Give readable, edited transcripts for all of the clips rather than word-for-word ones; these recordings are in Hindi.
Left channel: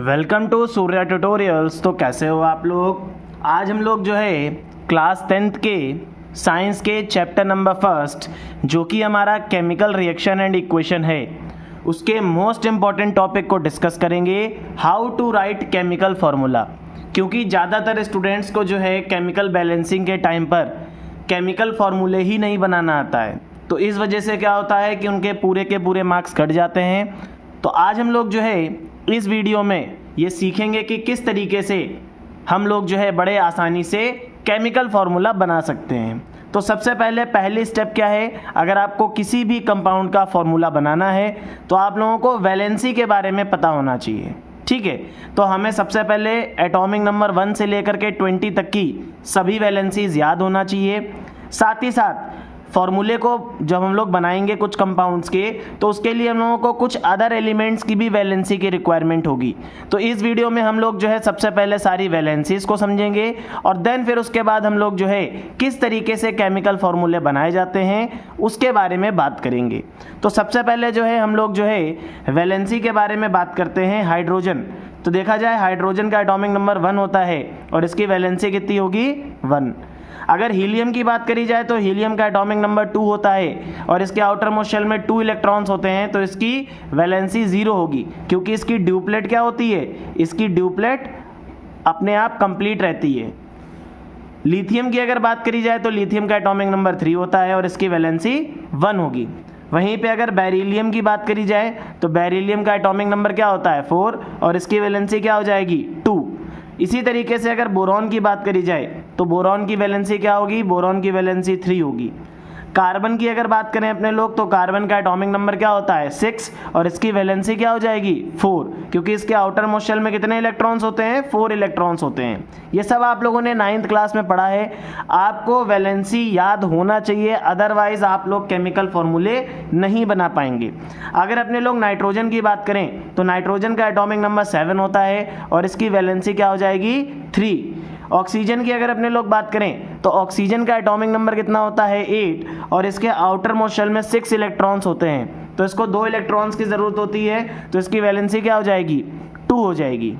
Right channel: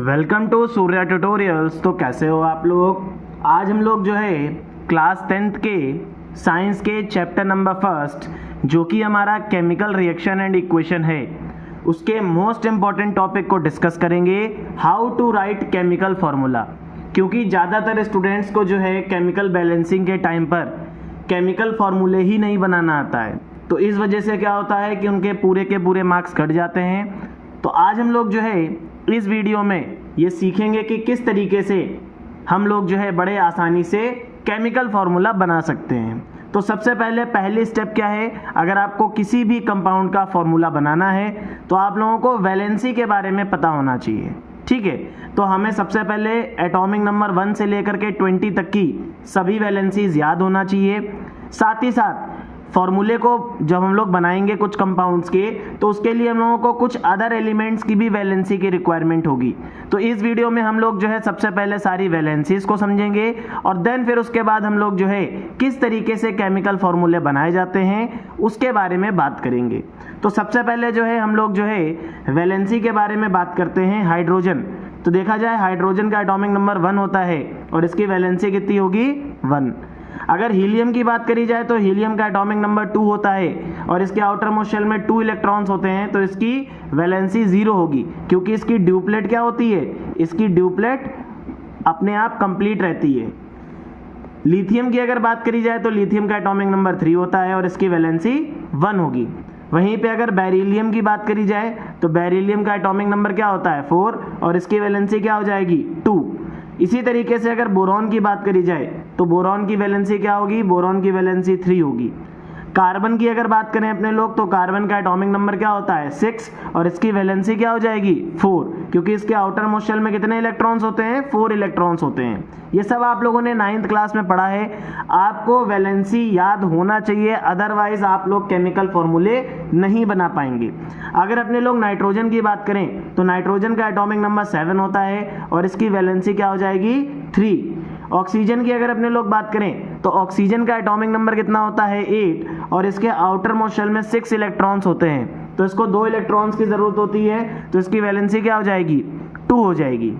Welcome to Surya tutorials. तो कैसे हो आप लोग। आज हम लोग जो है क्लास 10th के साइंस के चैप्टर नंबर 1 जो कि हमारा केमिकल रिएक्शन एंड इक्वेशन है, उसके मोस्ट इम्पॉर्टेंट टॉपिक को डिस्कस करेंगे, how to write chemical formula. क्योंकि ज़्यादातर स्टूडेंट्स को जो है केमिकल बैलेंसिंग के टाइम पर केमिकल फार्मूले ही नहीं बनाना आता है, तो इस वजह से क्या होता है कि उनके पूरे के पूरे मार्क्स कट जाते हैं। तो आज हम लोग जो है इस वीडियो में ये सीखेंगे कि किस तरीके से हम लोग जो है बड़े आसानी से केमिकल फार्मूला बना सकते हैं। तो सबसे पहली स्टेप क्या है, अगर आपको किसी भी कंपाउंड का फार्मूला बनाना है तो आप लोगों को वैलेंसी के बारे में पता होना चाहिए। ठीक है, तो हमें सबसे पहले एटॉमिक नंबर 1 से लेकर के 20 तक की सभी वैलेंसीज याद होना चाहिए। साथ ही साथ फॉर्मूले को जब हम लोग बनाएंगे कुछ कंपाउंड्स के, तो उसके लिए हम लोगों को कुछ अदर एलिमेंट्स की भी वैलेंसी की रिक्वायरमेंट होगी। तो इस वीडियो में हम लोग जो है सबसे पहले सारी वैलेंसीज को समझेंगे और देन फिर उसके बाद हम लोग जो है किस तरीके से केमिकल फॉर्मूले बनाए जाते हैं उसके बारे में बात करेंगे। तो सबसे पहले जो है हम लोग जो है वैलेंसी के बारे में बात करते हैं। हाइड्रोजन, तो देखा जाए हाइड्रोजन का एटॉमिक नंबर 1 होता है और इसकी वैलेंसी कितनी होगी 1। अगर हीलियम की बात करी जाए तो हीलियम का एटॉमिक नंबर 2 होता है और इसके आउटर मोस्ट शेल में 2 इलेक्ट्रॉन्स होते हैं, तो इसकी वैलेंसी 0 होगी क्योंकि इसकी ड्यूप्लेट क्या होती है, इसकी ड्यूप्लेट अपने आप कंप्लीट रहती है। लिथियम की अगर बात करी जाए तो लिथियम का एटॉमिक नंबर 3 होता है और इसकी वैलेंसी 1 होगी। वहीं पे अगर बेरिलियम की बात करी जाए तो बेरिलियम का एटॉमिक नंबर क्या होता है 4 और इसकी वैलेंसी क्या हो जाएगी 2। इसी तरीके से अगर बोरॉन की बात करी जाए तो बोरॉन की वैलेंसी क्या होगी, बोरॉन की वैलेंसी 3 होगी। कार्बन की अगर बात करें अपने लोग तो कार्बन का एटॉमिक नंबर क्या होता है 6 और इसकी वैलेंसी क्या हो जाएगी 4, क्योंकि इसके आउटर मोस्ट शेल में कितने इलेक्ट्रॉन्स होते हैं 4 इलेक्ट्रॉन्स होते हैं। ये सब आप लोगों ने 9th क्लास में पढ़ा है, आपको वैलेंसी याद होना चाहिए, अदरवाइज आप लोग केमिकल फॉर्मूले नहीं बना पाएंगे। अगर अपने लोग नाइट्रोजन की बात करें तो नाइट्रोजन का एटॉमिक नंबर 7 होता है और इसकी वैलेंसी क्या हो जाएगी 3। ऑक्सीजन की अगर अपने लोग बात करें तो ऑक्सीजन का एटॉमिक नंबर कितना होता है 8 और इसके आउटर मोस्ट शेल में 6 इलेक्ट्रॉन्स होते हैं, तो इसको 2 इलेक्ट्रॉन्स की ज़रूरत होती है, तो इसकी वैलेंसी क्या हो जाएगी 2 हो जाएगी।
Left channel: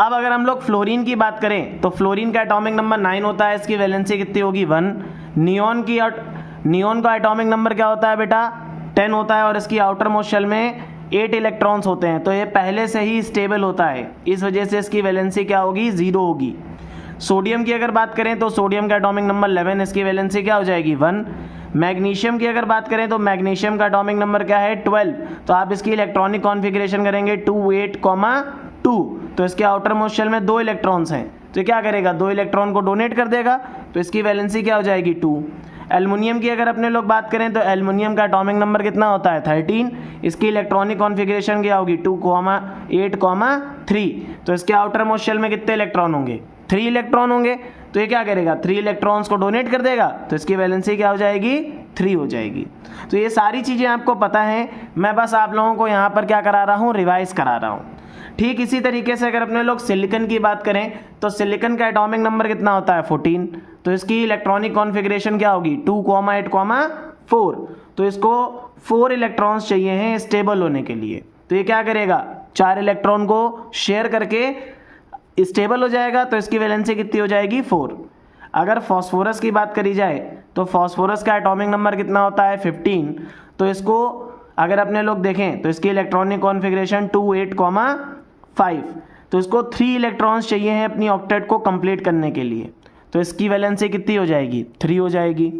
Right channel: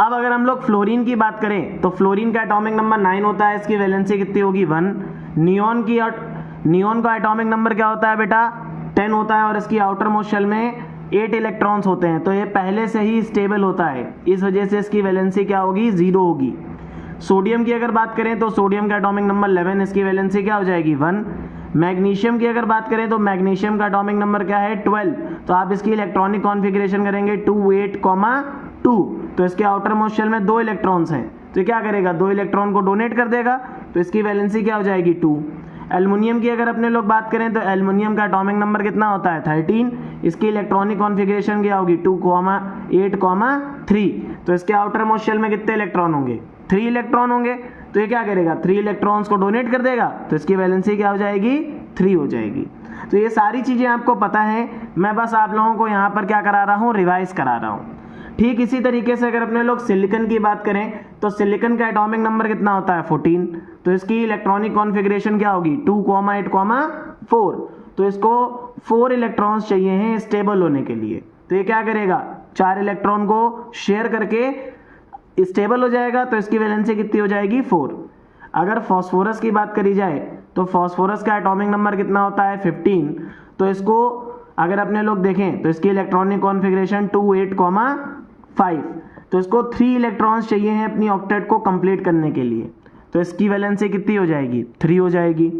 अब अगर हम लोग फ्लोरीन की बात करें तो फ्लोरीन का एटॉमिक नंबर 9 होता है, इसकी वैलेंसी कितनी होगी 1। नियोन का एटॉमिक नंबर क्या होता है बेटा 10 होता है और इसकी आउटर मोस्ट शेल में 8 इलेक्ट्रॉन्स होते हैं, तो ये पहले से ही स्टेबल होता है, इस वजह से इसकी वैलेंसी क्या होगी 0 होगी। सोडियम की अगर बात करें तो सोडियम का एटॉमिक नंबर 11, इसकी वैलेंसी क्या हो जाएगी 1। मैग्नीशियम की अगर बात करें तो मैग्नीशियम का एटॉमिक नंबर क्या है 12, तो आप इसकी इलेक्ट्रॉनिक कॉन्फ़िगरेशन करेंगे 2 8, 2, तो इसके आउटर मोस्ट शेल में 2 इलेक्ट्रॉन्स हैं, तो क्या करेगा 2 इलेक्ट्रॉन को डोनेट कर देगा, तो इसकी वैलेंसी क्या हो जाएगी 2। एल्युमिनियम की अगर अपने लोग बात करें तो एल्युमिनियम का एटॉमिक नंबर कितना होता है 13, इसकी इलेक्ट्रॉनिक कॉन्फ़िगरेशन क्या होगी 2, 8, 3, तो इसके आउटर मोस्ट शेल में कितने इलेक्ट्रॉन होंगे 3 इलेक्ट्रॉन होंगे, तो ये क्या करेगा 3 इलेक्ट्रॉन्स को डोनेट कर देगा, तो इसकी वैलेंसी क्या हो जाएगी 3 हो जाएगी। तो ये सारी चीज़ें आपको पता है, मैं बस आप लोगों को यहाँ पर क्या करा रहा हूँ, रिवाइज करा रहा हूँ। ठीक इसी तरीके से अगर अपने लोग सिलिकन की बात करें तो सिलिकन का एटॉमिक नंबर कितना होता है 14, तो इसकी इलेक्ट्रॉनिक कॉन्फ़िगरेशन क्या होगी 2, 8, 4, तो इसको 4 इलेक्ट्रॉन्स चाहिए हैं स्टेबल होने के लिए, तो ये क्या करेगा 4 इलेक्ट्रॉन को शेयर करके स्टेबल हो जाएगा, तो इसकी वैलेंसी कितनी हो जाएगी 4। अगर फॉस्फोरस की बात करी जाए तो फॉस्फोरस का एटॉमिक नंबर कितना होता है 15, तो इसको अगर अपने लोग देखें तो इसकी इलेक्ट्रॉनिक कॉन्फ़िगरेशन 2, 8, 5, तो इसको 3 इलेक्ट्रॉन्स चाहिए हैं अपनी ऑक्टेट को कंप्लीट करने के लिए, तो इसकी वैलेंसी कितनी हो जाएगी 3 हो जाएगी।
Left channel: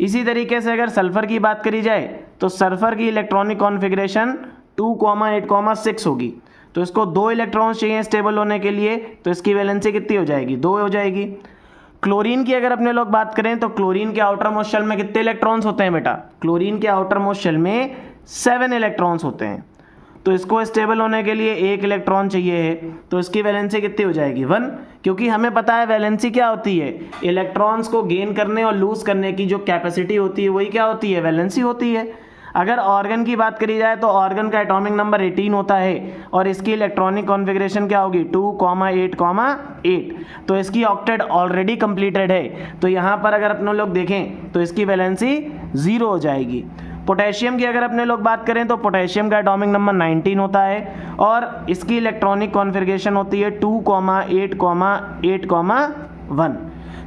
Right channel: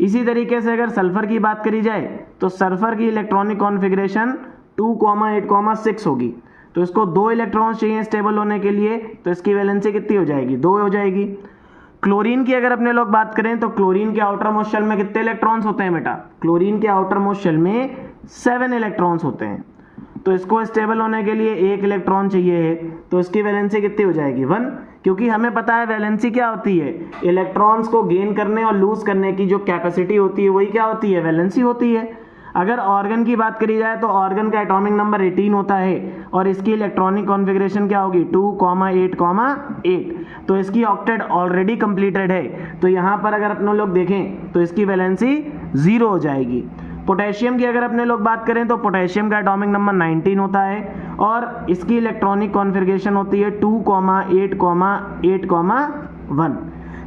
इसी तरीके से अगर सल्फर की बात करी जाए तो सल्फर की इलेक्ट्रॉनिक कॉन्फ़िगरेशन 2, 8, 6 होगी, तो इसको 2 इलेक्ट्रॉन्स चाहिए स्टेबल होने के लिए, तो इसकी वैलेंसी कितनी हो जाएगी 2 हो जाएगी। क्लोरीन की अगर अपने लोग बात करें तो क्लोरीन के आउटर मोस्ट शेल में कितने इलेक्ट्रॉन्स होते हैं बेटा, क्लोरीन के आउटर मोस्ट शेल में 7 इलेक्ट्रॉन्स होते हैं, तो इसको स्टेबल होने के लिए 1 इलेक्ट्रॉन चाहिए है, तो इसकी वैलेंसी कितनी हो जाएगी 1, क्योंकि हमें पता है वैलेंसी क्या होती है, इलेक्ट्रॉन्स को गेन करने और लूज करने की जो कैपेसिटी होती है वही क्या होती है वैलेंसी होती है। अगर ऑर्गन की बात करी जाए तो ऑर्गन का एटॉमिक नंबर 18 होता है और इसकी इलेक्ट्रॉनिक कॉन्फ़िगरेशन क्या होगी 2, 8, 8, तो इसकी ऑक्टेट ऑलरेडी कंप्लीटेड है, तो यहाँ पर अगर अपने लोग देखें तो इसकी वैलेंसी 0 हो जाएगी। पोटेशियम की अगर अपने लोग बात करें तो पोटेशियम का एटॉमिक नंबर 19 होता है और इसकी इलेक्ट्रॉनिक कॉन्फ़िगरेशन होती है 2,8,8,1।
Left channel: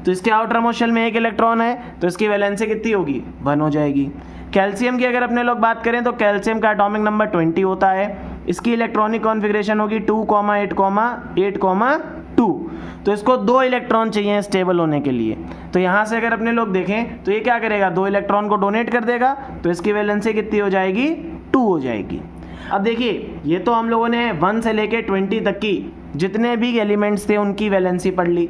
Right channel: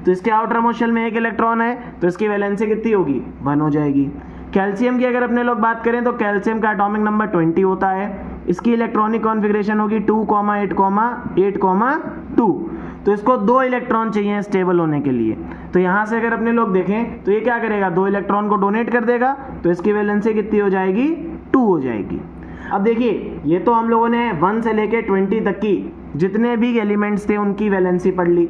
तो इसके आउटर मोस्ट शेल में एक इलेक्ट्रॉन है तो इसकी वैलेंसी कितनी होगी 1 हो जाएगी। कैल्शियम की अगर अपने लोग बात करें तो कैल्शियम का एटॉमिक नंबर 20 होता है, इसकी इलेक्ट्रॉनिक कॉन्फ़िगरेशन होगी 2,8,8,2। तो इसको 2 इलेक्ट्रॉन चाहिए स्टेबल होने के लिए। तो यहाँ से अगर अपने लोग देखें तो ये क्या करेगा, 2 इलेक्ट्रॉन को डोनेट कर देगा तो इसकी वैलेंसी कितनी हो जाएगी 2 हो जाएगी। अब देखिए ये तो हम लोगों ने 1 से लेके 20 तक की जितने भी एलिमेंट्स थे उनकी वैलेंसी पढ़ ली।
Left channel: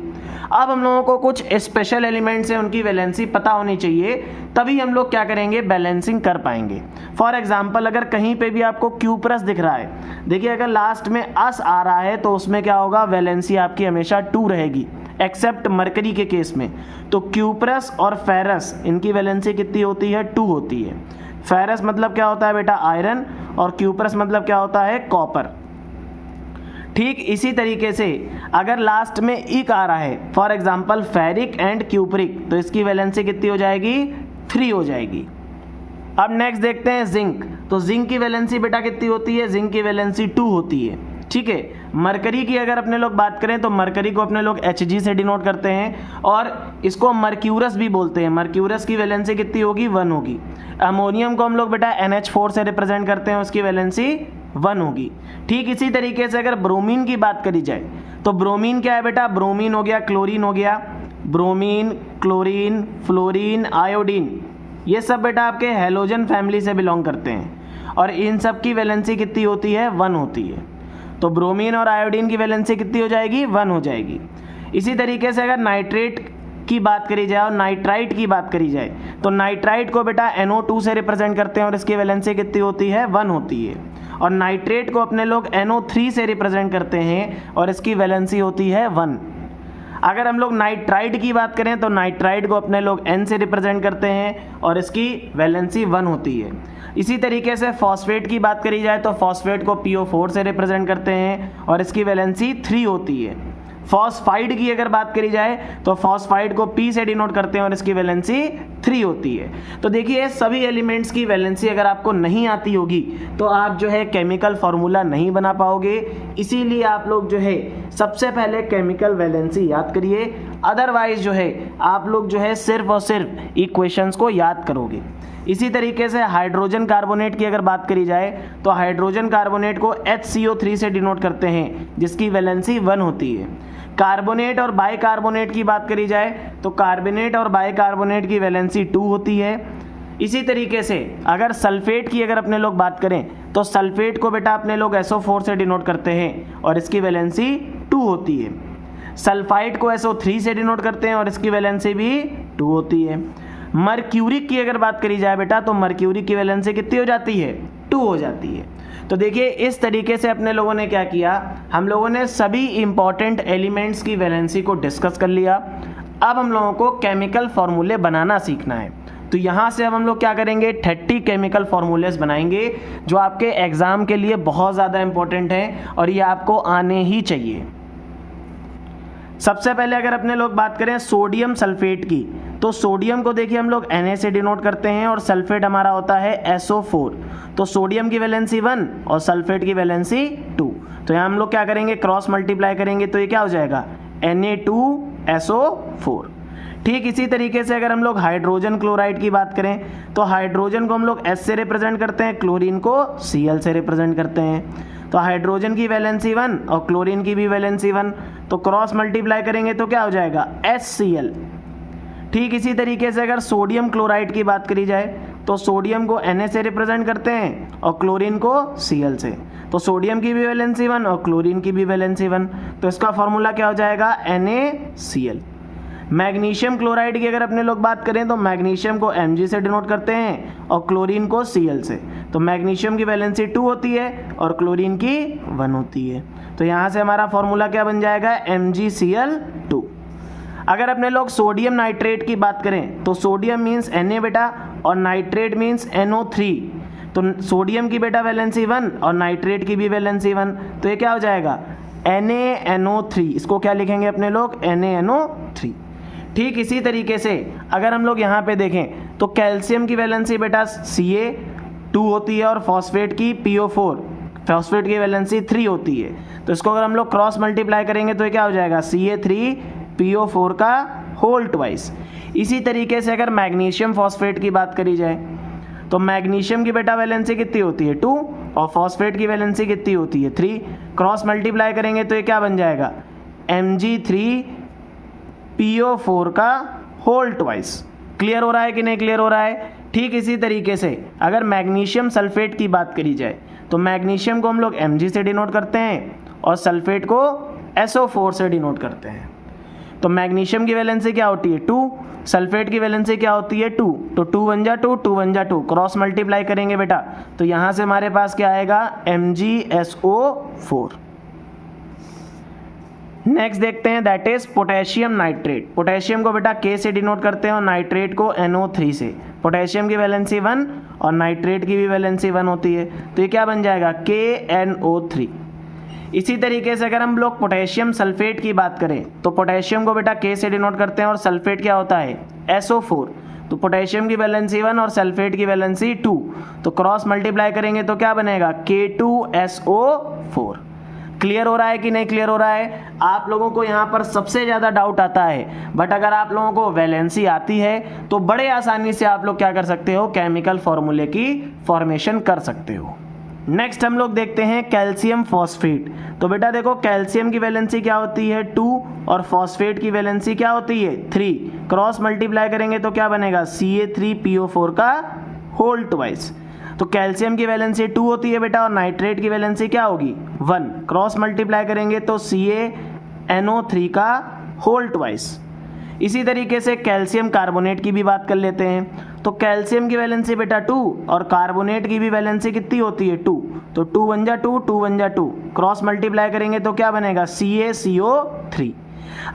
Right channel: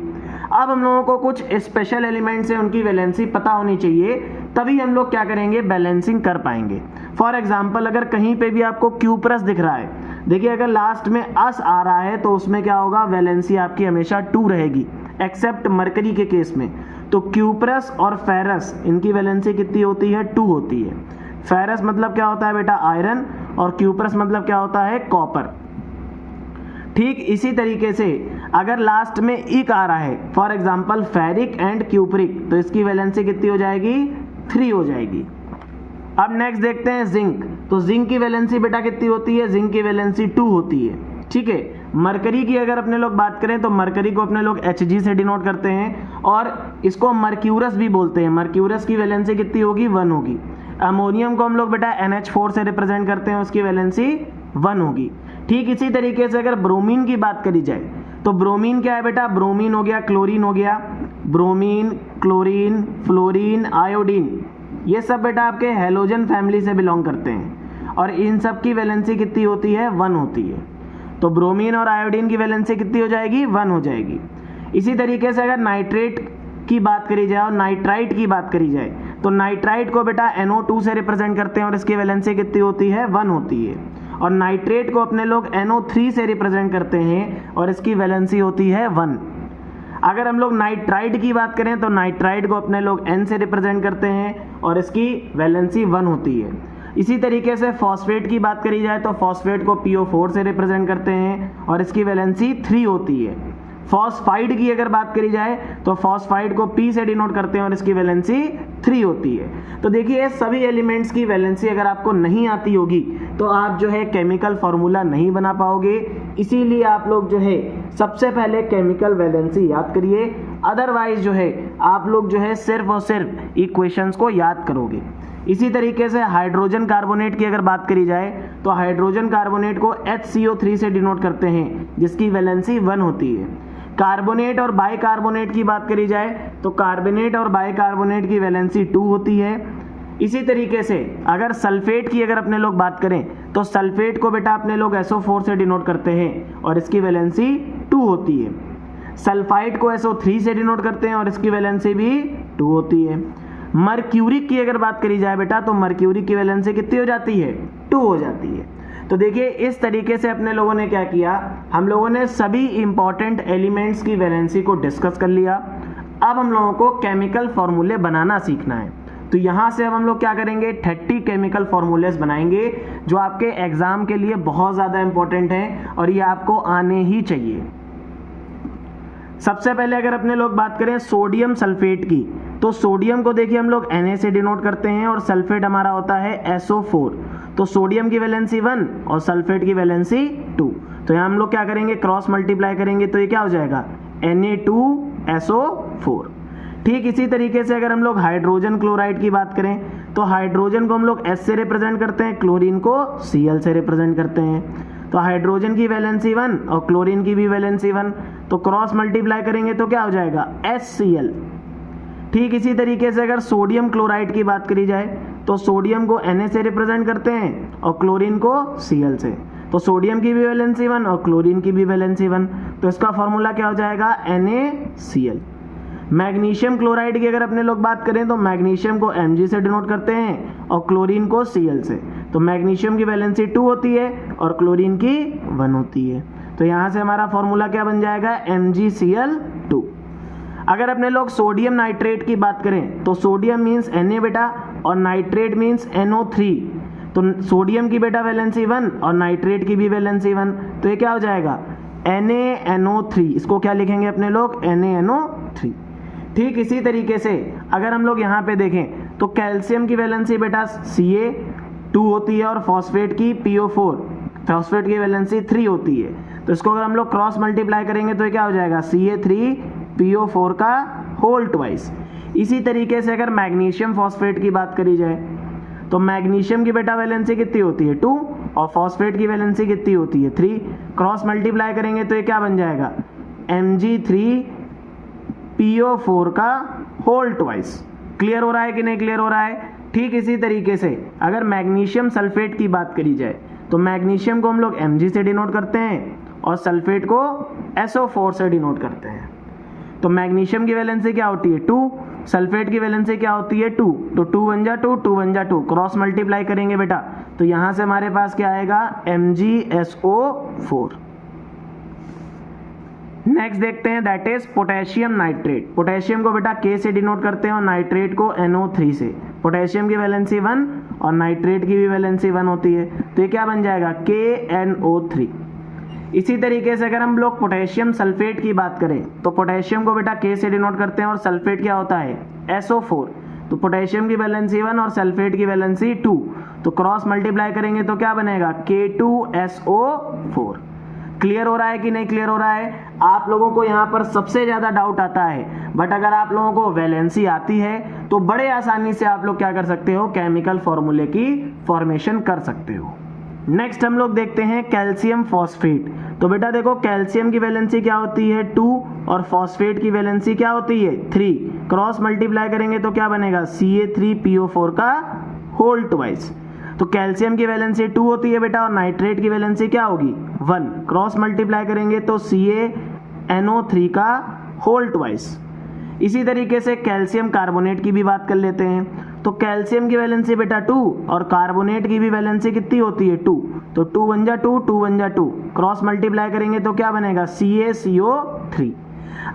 अब हम लोगों को कुछ स्पेशल एलिमेंट्स हैं उनकी वैलेंसी पता होनी चाहिए, तभी हम लोग क्या करेंगे बैलेंसिंग कर पाएंगे। फॉर एग्जांपल अगर कहीं पे भी आपको क्यूप्रस दिख रहा है, देखिए अगर लास्ट में अस आ रहा है तो उसमें क्या होगा, वैलेंसी आपकी हमेशा 2 रहेगी, एक्सेप्ट मरकरी के केस में। तो क्यूप्रस और फेरस इनकी वैलेंसी कितनी होती है 2 होती है। फेरस मतलब क्या होता है बेटा आयरन और क्यूप्रस मतलब क्या होता है कॉपर। ठीक इसी तरीके से अगर लास्ट में इक आ रहा है, for example ferric and cupric, तो इसकी वैलेंसी कितनी हो जाएगी 3 हो जाएगी। अब नेक्स्ट देखते हैं जिंक। तो जिंक की वैलेंसी बेटा कितनी होती है, जिंक की वैलेंसी 2 होती है। ठीक है, मरकरी की अगर अपने लोग बात करें तो मरकरी को अपने लोग Hg से डिनोट करते हैं और इसको मर्क्यूरस भी बोलते हैं। मर्क्यूरस की वैलेंसी कितनी होगी 1 होगी। अमोनियम को हम लोग बेटा NH4 से रिप्रेजेंट करते हैं, उसकी वैलेंसी 1 होगी। ठीक इसी तरीके से अगर ब्रोमीन की बात करी जाए तो ब्रोमीन क्या है बेटा, ब्रोमीन हो गया, क्लोरीन हो गया, ब्रोमीन, क्लोरीन, फ्लोरीन, आयोडीन, ये सब बेटा आपके हैलोजन फैमिली से बिलोंग करते हैं और इन सब की वैलेंसी कितनी होती है 1 होती है। तो ब्रोमीन और आयोडीन की वैलेंसी कितनी हो जाएगी 1 हो जाएगी। इसी तरीके से अगर नाइट्रेट की बात करी जाए और नाइट्राइट की बात करी जाए तो नाइट्राइट को बेटा NO2 से रिप्रेजेंट करते हैं और इसकी वैलेंसी कितनी होती है 1 होती है। और नाइट्रेट को अपने लोग NO3 से रिप्रेजेंट करते हैं और इसकी वैलेंसी होती है 1। अगर हम लोग नाइट्राइट की बात करें तो नाइट्राइट को अपने लोग N से रिप्रेजेंट करते हैं और इसकी वैलेंसी 1 होती है। इसी तरीके से फॉस्फेट की बात करी जाए तो फॉस्फेट को PO4 से रिप्रेजेंट करते हैं और इसकी वैलेंसी 3 होती है। फॉस्फाइड की अगर बात करी जाए तो फॉस्फाइड को P से डिनोट करते हैं और इसकी वैलेंसी 3 होती है। तो देखिए सभी एलिमेंट्स की वैलेंसी अगर आपको नहीं आती होगी तो आप जो है केमिकल फार्मूला नहीं बना पाओगे। इसीलिए आप लोग जो है सबसे पहले केमिकल वैलेंसी याद करिए, अदरवाइज जो है आप लोग जो है सिर्फ और सिर्फ इक्वेशंस को याद करोगे। इसी तरीके से हाइड्रोजन कार्बोनेट की अगर बात करी जाए तो हाइड्रोजन कार्बोनेट को HCO3 से डिनोट करते हैं जिसकी वैलेंसी 1 होती है। कार्बोनेट और बाइकार्बोनेट की बात करी जाए तो कार्बोनेट और बाइकार्बोनेट की वैलेंसी 2 होती है। इसी तरीके से अगर सल्फेट की अगर अपने लोग बात करें तो सल्फेट को बेटा अपने लोग SO4 से डिनोट करते हैं और इसकी वैलेंसी 2 होती है। सल्फाइड को SO3 से डिनोट करते हैं और इसकी वैलेंसी भी 2 होती है। मर्क्यूरिक की अगर बात करी जाए बेटा तो मर्क्यूरिक की वैलेंसी कितनी हो जाती है 2 हो जाती है। तो देखिए इस तरीके से अपने लोगों ने क्या किया, हम लोगों ने सभी इंपॉर्टेंट एलिमेंट्स की वैलेंसी को डिस्कस कर लिया। अब हम लोगों को केमिकल फॉर्मूले बनाना सीखना है। तो यहाँ से अब हम लोग क्या करेंगे 30 केमिकल फॉर्मूलेस बनाएंगे जो आपके एग्जाम के लिए बहुत ज़्यादा इंपॉर्टेंट हैं और ये आपको आने ही चाहिए। सबसे पहले अगर अपने लोग बात करें सोडियम सल्फेट की तो सोडियम को देखिए हम लोग Na से डिनोट करते हैं और सल्फेट हमारा होता है SO4। तो सोडियम की वैलेंसी 1 और सल्फेट की वैलेंसी 2। तो यहाँ हम लोग क्या करेंगे क्रॉस मल्टीप्लाई करेंगे तो ये क्या हो जाएगा Na2SO4। ठीक इसी तरीके से अगर हम लोग हाइड्रोजन क्लोराइड की बात करें तो हाइड्रोजन को हम लोग S से रिप्रेजेंट करते हैं, क्लोरीन को Cl से रिप्रेजेंट करते हैं। तो हाइड्रोजन की वैलेंसी 1 और क्लोरीन की भी वैलेंसी 1, तो क्रॉस मल्टीप्लाई करेंगे तो क्या हो जाएगा HCl। ठीक इसी तरीके से अगर सोडियम क्लोराइड की बात करी जाए तो सोडियम को Na से रिप्रेजेंट करते हैं और क्लोरीन को Cl से। तो सोडियम की भी वैलेंसी 1 और क्लोरीन की भी वैलेंसी 1, तो इसका फॉर्मूला क्या हो जाएगा NaCl। मैग्नीशियम क्लोराइड की अगर अपने लोग बात करें तो मैग्नीशियम को Mg से डिनोट करते हैं और क्लोरीन को Cl से। तो मैग्नीशियम की वैलेंसी 2 होती है और क्लोरीन की 1 होती है। तो यहाँ से हमारा फॉर्मूला क्या बन जाएगा MgCl2। अगर अपने लोग सोडियम नाइट्रेट की बात करें तो सोडियम मीन्स Na बेटा और नाइट्रेट मीन्स NO3। तो सोडियम की बेटा वैलेंसी 1 और नाइट्रेट की भी वैलेंसी 1, तो ये क्या हो जाएगा NaNO3। इसको क्या लिखेंगे अपने लोग NaNO3। ठीक इसी तरीके से अगर हम लोग यहाँ पे देखें तो कैल्शियम की वैलेंसी बेटा Ca2 होती है और फॉस्फेट की PO4, फॉस्फेट की वैलेंसी 3 होती है। तो इसको अगर हम लोग क्रॉस मल्टीप्लाई करेंगे तो ये क्या हो जाएगा, Ca3PO4 का होल ट्वाइस। इसी तरीके से अगर मैग्नीशियम फॉस्फेट की बात करी जाए तो मैग्नीशियम की बेटा वैलेंसी कितनी होती है 2 और फॉस्फेट की वैलेंसी कितनी होती है 3। क्रॉस मल्टीप्लाई करेंगे तो ये क्या बन जाएगा, Mg3PO4 का होल ट्वाइस। क्लियर हो रहा है कि नहीं क्लियर हो रहा है। ठीक इसी तरीके से अगर मैग्नीशियम सल्फेट की बात करी जाए तो मैग्नीशियम को हम लोग Mg से डिनोट करते हैं और सल्फेट को SO4 से डिनोट करते हैं। तो मैग्नीशियम की वैलेंसी क्या होती है 2, सल्फेट की वैलेंसी क्या होती है 2, तो 2 1 जा 2, 2 1 जा 2, क्रॉस मल्टीप्लाई करेंगे बेटा तो यहाँ से हमारे पास क्या आएगा MgSO4। नेक्स्ट देखते हैं that is potassium nitrate. Potassium को बेटा K से डिनोट करते हैं और नाइट्रेट को NO3 से। पोटेशियम की वैलेंसी 1 और नाइट्रेट की भी वैलेंसी 1 होती है, तो ये क्या बन जाएगा KNO3। इसी तरीके से अगर हम लोग पोटेशियम सल्फेट की बात करें तो पोटेशियम को बेटा K से डिनोट करते हैं और सल्फेट क्या होता है SO4। तो पोटेशियम की वैलेंसी 1 और सल्फेट की वैलेंसी 2, तो क्रॉस मल्टीप्लाई करेंगे तो क्या बनेगा K2SO4। क्लियर हो रहा है कि नहीं क्लियर हो रहा है। आप लोगों को यहाँ पर सबसे ज़्यादा डाउट आता है, बट अगर आप लोगों को वैलेंसी आती है तो बड़े आसानी से आप लोग क्या कर सकते हो, केमिकल फॉर्मूले की फॉर्मेशन कर सकते हो। नेक्स्ट हम लोग देखते हैं कैल्शियम फॉस्फेट। तो बेटा देखो कैल्शियम की वैलेंसी क्या होती है 2 और फॉस्फेट की वैलेंसी क्या होती है 3। क्रॉस मल्टीप्लाई करेंगे तो क्या बनेगा Ca3PO4 का होल ट्वाइस। तो कैल्शियम की वैलेंसी 2 होती है बेटा और नाइट्रेट की वैलेंसी क्या होगी 1। क्रॉस मल्टीप्लाई करेंगे तो CaNO3 का होल ट्वाइस। इसी तरीके से कैल्शियम कार्बोनेट की भी बात कर लेते हैं। तो कैल्शियम की वैलेंसी बेटा 2 और कार्बोनेट की भी वैलेंसी कितनी होती है 2, तो 2 1 जा 2, 2 1 जा 2, क्रॉस मल्टीप्लाई करेंगे तो क्या बनेगा CaCO3।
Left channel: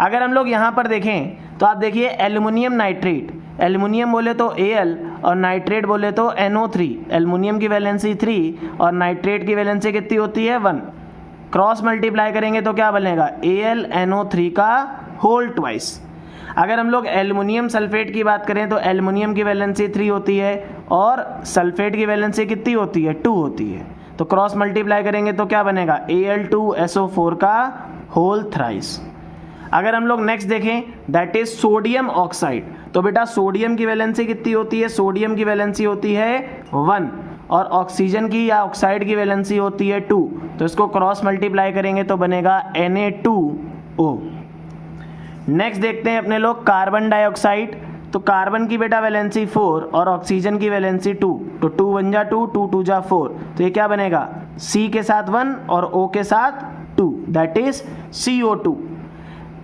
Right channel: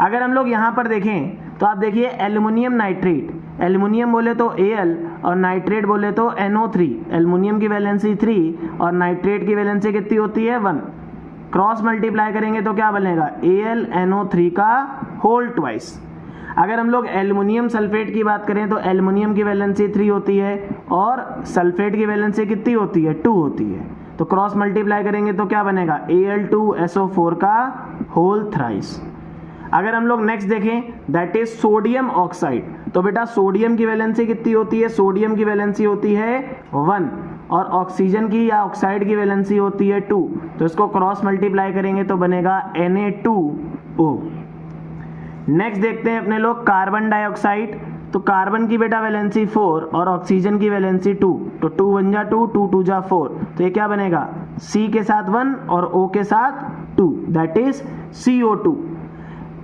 अगर हम लोग यहाँ पर देखें तो आप देखिए एल्युमिनियम नाइट्रेट, एल्युमिनियम बोले तो Al और नाइट्रेट बोले तो NO3। एल्युमिनियम की वैलेंसी 3 और नाइट्रेट की वैलेंसी कितनी होती है 1। क्रॉस मल्टीप्लाई करेंगे तो क्या बनेगा AlNO3 का होल ट्वाइस। अगर हम लोग एल्युमिनियम सल्फेट की बात करें तो एल्युमिनियम की वैलेंसी 3 होती है और सल्फेट की वैलेंसी कितनी होती है 2 होती है। तो क्रॉस मल्टीप्लाई करेंगे तो क्या बनेगा Al2SO4 का होल थ्राइस। अगर हम लोग नेक्स्ट देखें दैट इज सोडियम ऑक्साइड। तो बेटा सोडियम की वैलेंसी कितनी होती है, सोडियम की वैलेंसी होती है 1 और ऑक्सीजन की या ऑक्साइड की वैलेंसी होती है 2। तो इसको क्रॉस मल्टीप्लाई करेंगे तो बनेगा Na2O। नेक्स्ट देखते हैं अपने लोग कार्बन डाइऑक्साइड। तो कार्बन की बेटा वैलेंसी 4 और ऑक्सीजन की वैलेंसी 2, तो 2 1 जा 2, 2 2 जा 4, तो ये क्या बनेगा C के साथ 1 और O के साथ 2, दैट इज CO2।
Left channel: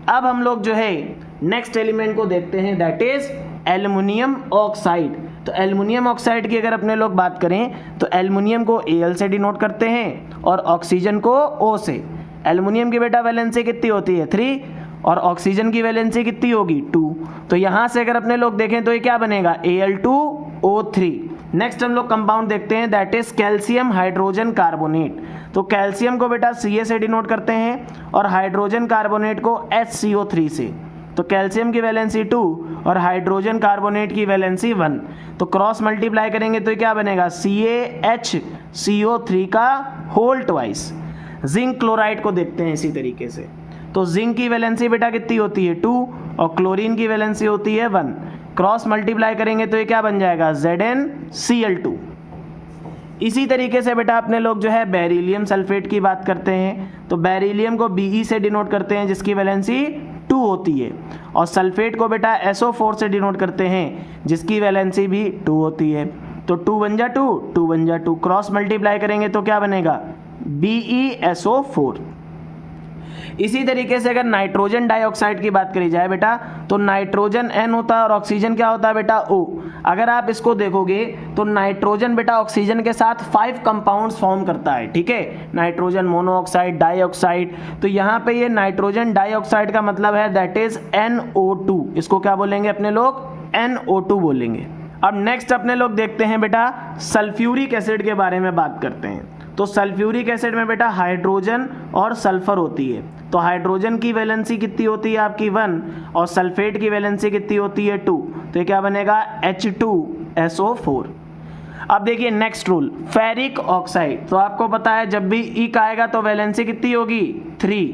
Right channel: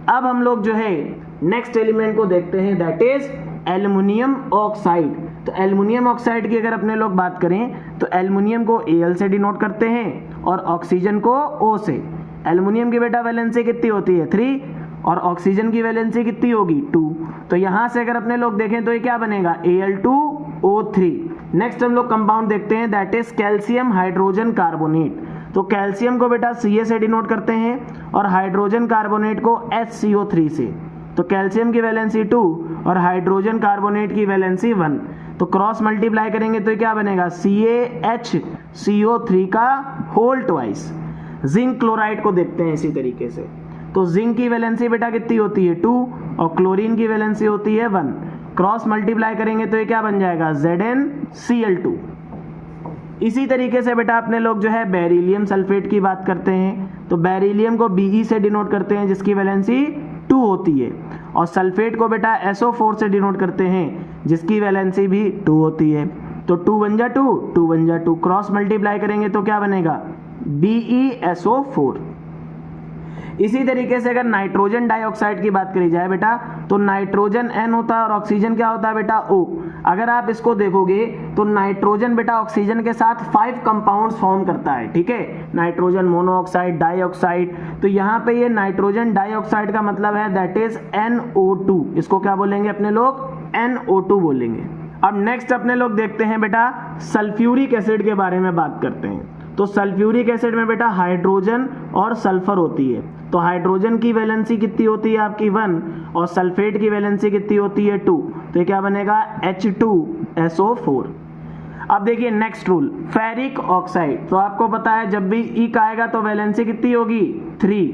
अब हम लोग जो है नेक्स्ट एलिमेंट को देखते हैं दैट इज एल्युमिनियम ऑक्साइड। तो एल्युमिनियम ऑक्साइड की अगर अपने लोग बात करें तो एल्युमिनियम को Al से डिनोट करते हैं और ऑक्सीजन को O से। एल्युमिनियम की बेटा वैलेंसी कितनी होती है 3 और ऑक्सीजन की वैलेंसी कितनी होगी 2। तो यहाँ से अगर अपने लोग देखें तो ये क्या बनेगा Al2O3। नेक्स्ट हम लोग कंपाउंड देखते हैं that is calcium hydrogen carbonate. तो कैल्शियम को बेटा Ca से डिनोट करते हैं और हाइड्रोजन कार्बोनेट को HCO3 से। तो कैल्शियम की वैलेंसी 2 और हाइड्रोजन कार्बोनेट की वैलेंसी 1, तो क्रॉस मल्टीप्लाई करेंगे तो क्या बनेगा CaHCO3 का होल ट्वाइस। जिंक क्लोराइड को देखते हैं इसी तरीके से। तो जिंक की वैलेंसी बेटा कितनी होती है 2 और क्लोरीन की वैलेंसी होती है 1। क्रॉस मल्टीप्लाई करेंगे तो ये क्या बन जाएगा ZnCl2। इसी तरीके से बेटा अपने लोग जो है बेरिलियम सल्फेट की बात करते हैं। तो बेरिलियम को Be से डिनोट करते हैं जिसकी वैलेंसी 2 होती है और सल्फेट को बेटा SO4 से डिनोट करते हैं जिसकी वैलेंसी भी 2 होती है। तो 2 1 जा 2, 2 1 जा 2, क्रॉस मल्टीप्लाई करेंगे तो क्या बनेगा BeSO4। इसी तरीके से अगर नाइट्रोजन डाइऑक्साइड की बात करी जाए बेटा तो नाइट्रोजन N होता है और ऑक्सीजन क्या होता है बेटा O। अगर आप इसको देखोगे तो नाइट्रोजन बेटा ऑक्सीजन के साथ 5 कंपाउंड्स फॉर्म करता है, ठीक है, नाइट्रोजन मोनोऑक्साइड, डाइऑक्साइड। तो यहाँ पे ये नाइट्रोजन डाइऑक्साइड का मतलब है दैट इज NO2। इसको क्या बोलेंगे अपने लोग NO2 बोलेंगे। अब नेक्स्ट अपने लोग देखते हैं बेटा सल्फ्यूरिक एसिड के बारे में बात करते हैं। तो सल्फ्यूरिक एसिड में बेटा हाइड्रोजन और सल्फर होती है। तो हाइड्रोजन की वैलेंसी कितनी होती है आपकी 1 और सल्फेट की वैलेंसी कितनी होती है 2, तो ये क्या बनेगा H2SO4। अब देखिए नेक्स्ट रूल, फेरिक ऑक्साइड। तो आपको पता है जब भी इक आएगा तो वैलेंसी कितनी होगी 3,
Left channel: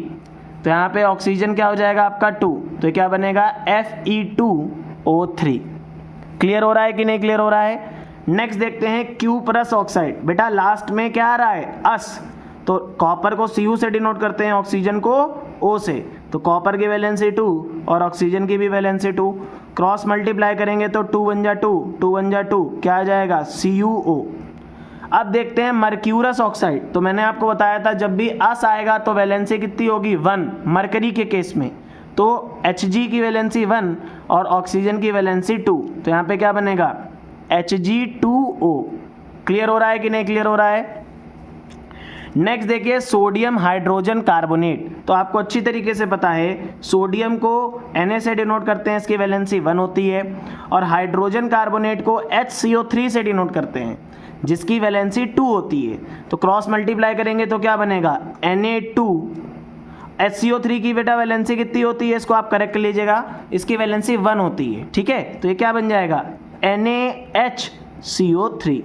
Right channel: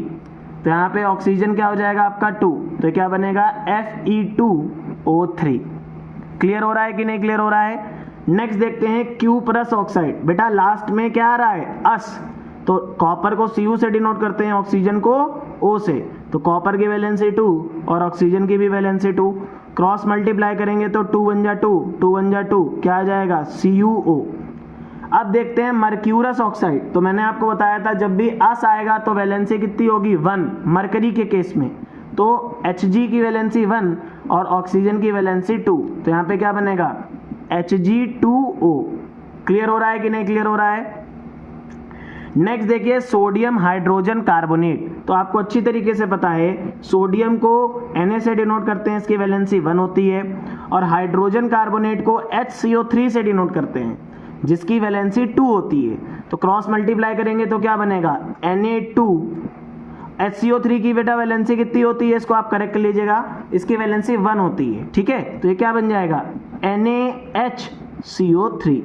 तो यहाँ पे ऑक्सीजन क्या हो जाएगा आपका 2, तो क्या बनेगा Fe2O3। क्लियर हो रहा है कि नहीं क्लियर हो रहा है। नेक्स्ट देखते हैं क्यूपरस ऑक्साइड। बेटा लास्ट में क्या आ रहा है अस, तो कॉपर को Cu से डिनोट करते हैं, ऑक्सीजन को O से, तो कॉपर की वैलेंसी 2 और ऑक्सीजन की भी वैलेंसी 2, क्रॉस मल्टीप्लाई करेंगे तो 2 1 जा 2, 2 1 जा 2, क्या आ जाएगा CuO। अब देखते हैं मर्क्यूरस ऑक्साइड। तो मैंने आपको बताया था जब भी अस आएगा तो वैलेंसी कितनी होगी 1 मरकरी के केस में, तो Hg की वैलेंसी 1 और ऑक्सीजन की वैलेंसी 2, तो यहाँ पे क्या बनेगा Hg2O। क्लियर हो रहा है कि नहीं क्लियर हो रहा है। नेक्स्ट देखिए सोडियम हाइड्रोजन कार्बोनेट। तो आपको अच्छी तरीके से पता है सोडियम को Na से डिनोट करते हैं, इसकी वैलेंसी 1 होती है, और हाइड्रोजन कार्बोनेट को HCO3 से डिनोट करते हैं जिसकी वैलेंसी 2 होती है। तो क्रॉस मल्टीप्लाई करेंगे तो क्या बनेगा Na2, HCO3 की बेटा वैलेंसी कितनी होती है, इसको आप करेक्ट कर लीजिएगा, इसकी वैलेंसी 1 होती है, ठीक है, तो ये क्या बन जाएगा NaHCO3।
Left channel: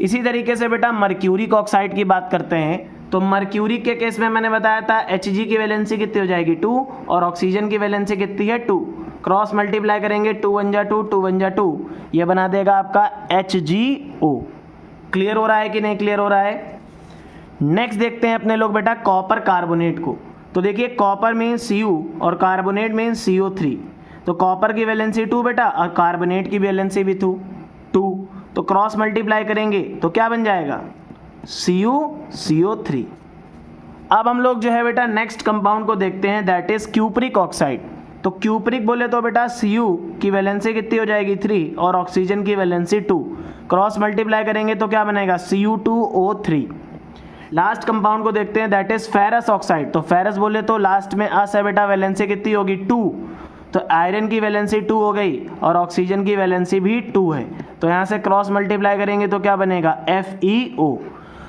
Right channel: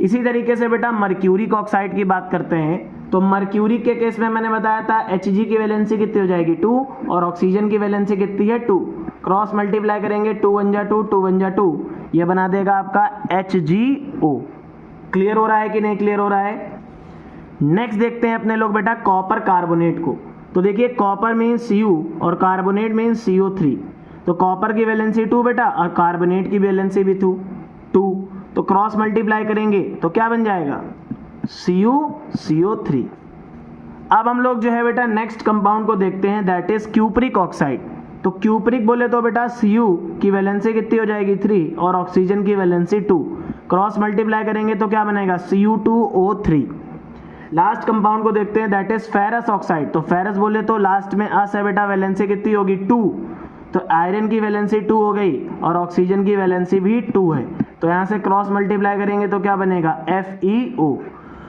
इसी तरीके से बेटा मर्क्यूरिक ऑक्साइड की बात करते हैं। तो मर्क्यूरिक के केस में मैंने बताया था Hg की वैलेंसी कितनी हो जाएगी 2 और ऑक्सीजन की वैलेंसी कितनी है 2, क्रॉस मल्टीप्लाई करेंगे 2 1 जा 2, 2 1 जा 2, ये बना देगा आपका HgO। क्लियर हो रहा है कि नहीं क्लियर हो रहा है। नेक्स्ट देखते हैं अपने लोग बेटा कॉपर कार्बोनेट को। तो देखिए कॉपर मीन्स Cu और कार्बोनेट मीन्स CO3, तो कॉपर की वैलेंसी 2 बेटा और कार्बोनेट की वैलेंसी भी 2, तो क्रॉस मल्टीप्लाई करेंगे तो क्या बन जाएगा CuCO3। अब हम लोग जो है बेटा नेक्स्ट कंपाउंड को देखते हैं, दैट इज क्यूपरिक ऑक्साइड। तो क्यूपरिक बोले तो बेटा Cu की वैलेंसी कितनी हो जाएगी 3 और ऑक्सीजन की वैलेंसी 2, क्रॉस मल्टीप्लाई करेंगे तो क्या बनेगा Cu2O3। लास्ट कंपाउंड को देखते हैं, दैट इज फेरस ऑक्साइड। तो फेरस बोले तो लास्ट में अस है बेटा, वैलेंसी कितनी होगी 2, तो आयरन की वैलेंसी 2 हो गई और ऑक्सीजन की वैलेंसी भी 2 है, तो यहाँ से क्रॉस मल्टीप्लाई करेंगे तो क्या बनेगा FeO।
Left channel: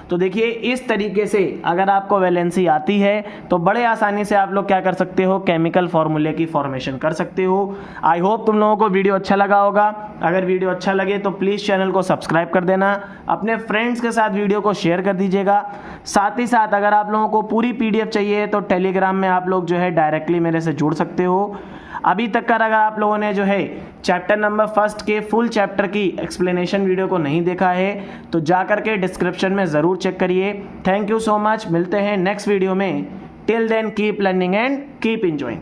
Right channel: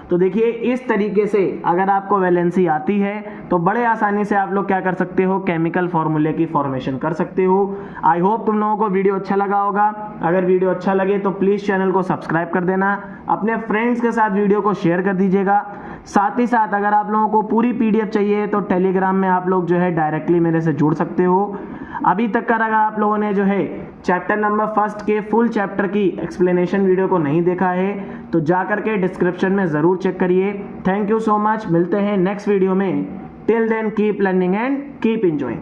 तो देखिए इस तरीके से अगर आपको वैलेंसी आती है तो बड़े आसानी से आप लोग क्या कर सकते हो, केमिकल फॉर्मूले की फॉर्मेशन कर सकते हो। आई होप तुम लोगों को वीडियो अच्छा लगा होगा। अगर वीडियो अच्छा लगे तो प्लीज़ चैनल को सब्सक्राइब कर देना, अपने फ्रेंड्स के साथ वीडियो को शेयर कर दीजिएगा। साथ ही साथ अगर आप लोगों को पूरी PDF चाहिए तो टेलीग्राम में आप लोग जो है डायरेक्टली मेरे से जुड़ सकते हो। अभी तक का अगर आप लोगों ने जो है चैप्टर नंबर 1 के फुल चैप्टर की एक्सप्लेनेशन वीडियो को नहीं देखा है तो जा करके डिस्क्रिप्शन में ज़रूर चेक करिए। थैंक यू सो मच, मिलते हैं नेक्स्ट वीडियो में। Till then keep learning and keep enjoying.